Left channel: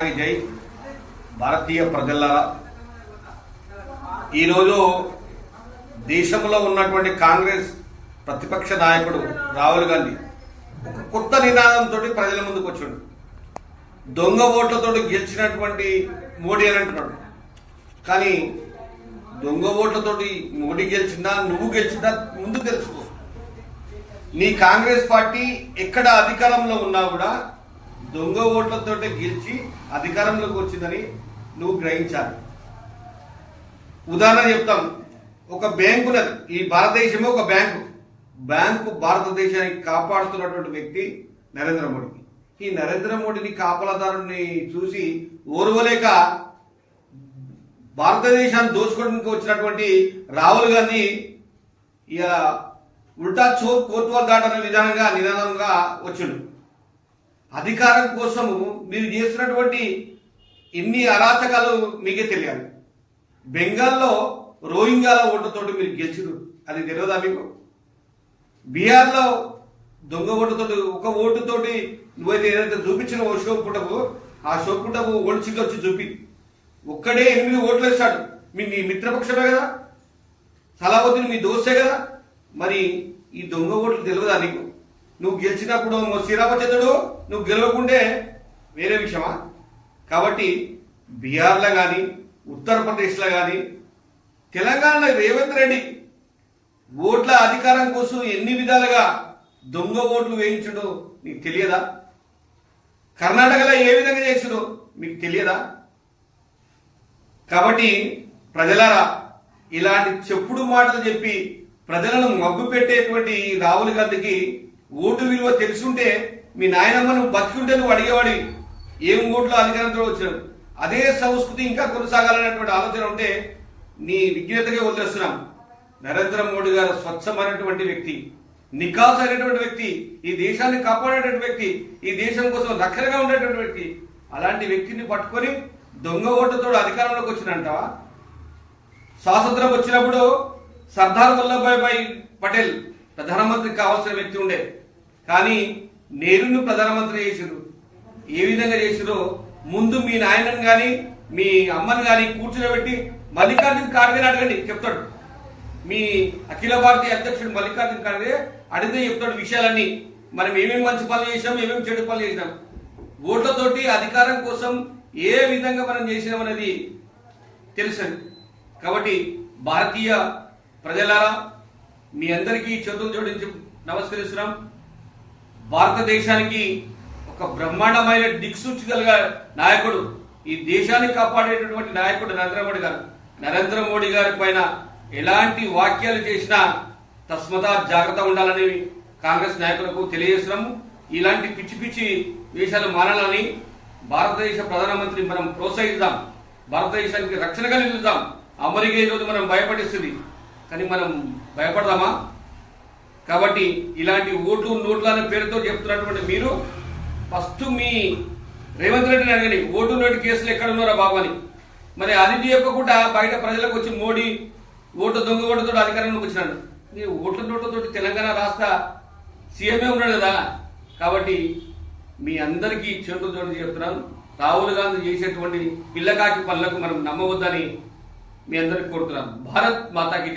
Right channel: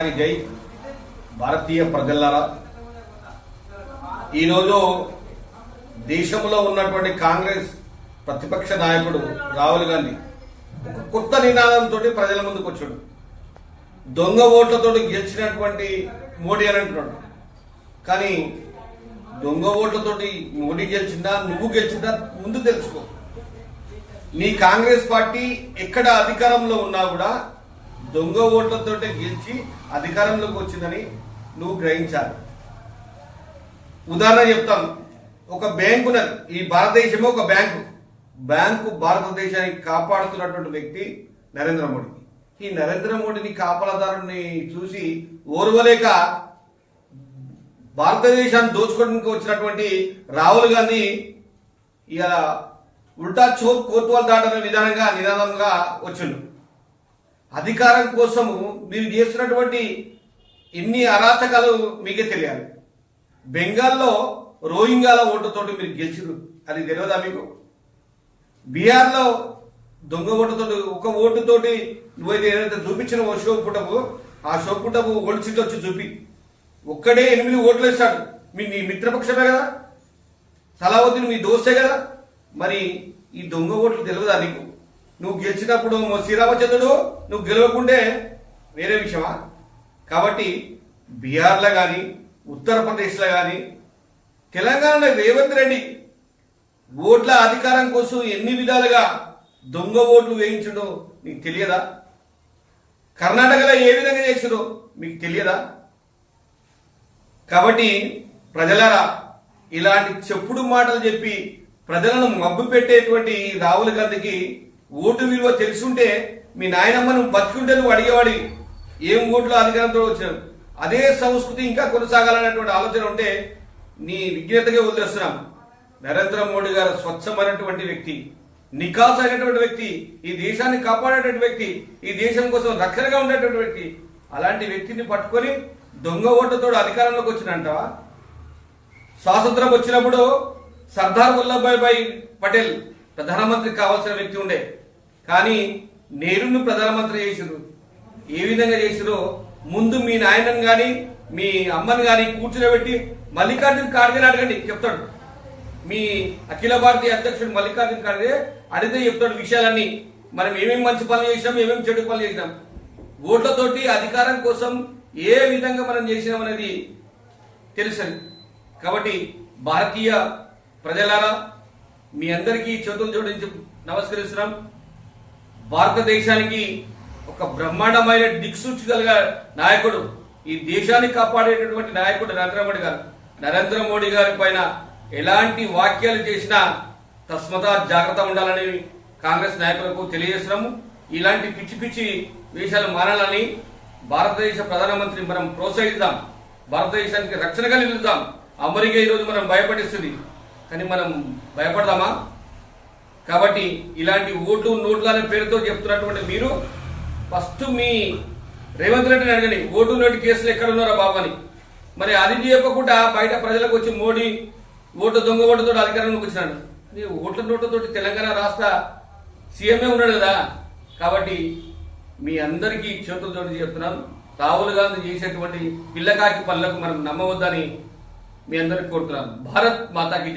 జై భారతీయ ప్రజలారా ఈరోజు దేశంలో ఉన్నటువంటి కాంగ్రెస్ ప్రతిపక్ష నాయకుడు రాహుల్ గాంధీ ఒక కొత్త నినాదంతో ప్రజల ముందుకు వచ్చాడు. దొంగ ఓట్లతో గెలిచినటువంటి మోడీ అని అంటున్నాడు. కానీ దొంగ ఓట్లతోటి మోడీ గెలిచిందా నువ్వు గెలిచిందా ముందు తెలుసుకో. నీ కాంగ్రెస్ పార్టీ ఎక్కడ అధికారంలో ఉన్నా కూడా దొంగ ఓట్లతో గెలిచి అధికారంలోకి వచ్చిందని నువ్వు గ్రహించాలి. ఉదాహరణ చెప్తాం ఒక బ్యాంకు ఉన్నది ఈ భారతదేశమే ఒక బ్యాంకు. బ్యాంకు భారతదేశాన్ని కాపాడుతున్నటువంటి వ్యక్తి నరేంద్ర మోడీ ఈ నరేంద్ర మోడీని కాపలదారుని చూసి ఓర్వలేక భారతదేశాన్ని దోచుకోవడానికి వచ్చినటువంటి రాహుల్ గాంధీ ఇక ఉల్టా చోర్ కోర్టువాల్ దాటన నిదానంగా నిదానంగా వచ్చిండు. అధికారం కోసము మీరు చేస్తున్నటువంటి ఎన్ని అరాచకాలు మీకే తెలియాలి. బెంగాల్లో రోహింగాల ఓటుతోటి మీరు గెలిచిరు అది తెలియదా మీకు? బీహార్లో దొంగ ఓటుతోటి ఒక ఓటుతోటి నువ్వైతే ఏదైతే చూపించిన ఓ షో పుటపు ఆ షో పుటపు వచ్చి చూపి. ఒక్కడే ఎనిమిది ఓట్లు వేస్తాడు. మీ నీ మిత్రపక్షమే కదా? సలావుద్దీన్ మీ దోస్తే కదా? మరి ఈ దొంగ ఓట్లు తెలియదా నీకు? నువ్వు గెలిచినప్పుడు శ్రీరామచంద్రుడు నువ్వు గెలవకుండే వేరే విషయమా? కాబట్టి బీహార్లో కానీ ఉత్తరప్రదేశ్లో కానీ తెలంగాణలో రేవంత్ రెడ్డి ఓట్ల అధికారం కోసం ఎన్ని విధాలుగా దొంగ ఓట్లు వేయించడో నీకు తెలియదా? కర్ణాటకలో ఏ విధంగా చేసిందో మీకు తెలియదా? కాబట్టి ప్రజలారా ఇలాంటి చెప్పుడు మాటలు చెప్పి ప్రజలను మబ్బు పెట్టేటువంటి రాహుల్ గాంధీకి ఓటు విలువ తెలుసుంటే మీ నాయనమ్మ నువ్వు బతికుంటే నువ్వు అడిగేవాడి ఏం ఓట్లు అధికారంతో వచ్చావు అదే సంస్కృతి ఇంకా కొనసాగాలనేటువంటి ఆలోచన ఉంటే నీ విజ్ఞతగా వదిలేస్తున్నాం. నరేంద్ర మోడీ గారు స్వచ్ఛమైనటువంటి వ్యక్తి నికాస్ అయినటువంటి వ్యక్తి ఈ దేశాన్ని కాపాడేటువంటి వ్యక్తి ఈ దేశం కోసం రక్షణగా ఉండేటువంటి వ్యక్తి. అలాంటి వ్యక్తిని పట్టుకొని దొంగ ఓటుతో అధికారంలోకి వచ్చినంటావా? స్వాతంత్రం వచ్చినప్పుడు సర్దార్ వల్లభాయ్ భాయ్ పటేల్ ప్రధానమంత్రి కావాల్సిన వ్యక్తి ఉండే. కానీ నేరును ప్రధానమంత్రి చేసిరు ఏ విధంగా చేసిరో ముందు మీ నాయనని కానీ మీ అమ్మని కానీ కూర్చునబెట్టి మల్లికార్జున ఖార్గే అడగండి చెప్తాడు. మీ అఖిల భారతీయ అధ్యక్షుడు మల్లికార్జున ఖార్గే అడిగితే చెప్తాడు విషయాలన్నీ. మనం ఏమేమి మంచి పనులు చేసినాం ఏమేమి చెడు పనులు చేసినాం ఓట్లతోటి అధికారం కోసం ఏ విధంగా మనం చేసినాం అనేది కాబట్టి భారతీయ ప్రజలారా మీ అందరికీ చేతులు జోడించి నమస్కరిస్తున్నాం. భారతదేశానికి ఒక బ్రహ్మాండమైన దిక్సూచి నాయకుడు ఈ దేశాన్ని కాపాడేటటువంటి నాయకుడు నరేంద్ర మోడీ గారు. నరేంద్ర మోడీ గారి పైన ఎలాంటి వాక్యాలు చేసినా తస్మతా జాగ్రత్త ఉండాలని కాంగ్రెస్ నాయకులకు తెలియజేస్తున్నాము. ఇలాంటి పిచ్చి పిచ్చి వేషాలు మారాలని భారతదేశ ప్రధానమంత్రి మనం ప్రోత్సహిద్దాం. భారతదేశానికి రక్షణగా నిలుద్దాం. అమెరికా ఈరోజు మనం భయపడిస్తుంది. కానీ మనం భయపడదామా? కాబట్టి ఇలాంటి ఓటు నోట్లు అనే పేరుతో చెప్తున్నటువంటి మీరు ఫస్ట్ మీ రేవంత్ రెడ్డిని అడగండి. ఓటు నోటు కేసులు ఎక్కడ ఉన్నారా బాబు అని. మరి అది చెప్పకుండా బయట ప్రజలకు వచ్చి మోడీ ఓటు దొంగ ఓటుతో అధికారంలోకి వచ్చినాడు. ఈ ఓట్ల నోటుతో తెలంగాణ రాష్ట్ర సీఎంఏ ఉన్నాడు కదా. కాబట్టి మీ అందరికీ చేతులతో చెప్తున్నాను. రాహుల్ గాంధీ చేసేటువంటి పిల్లకాకి పనులకు మనం నమ్మవద్దని మీ అందరికి కోరుతున్నాను. భారత్ మాతాకి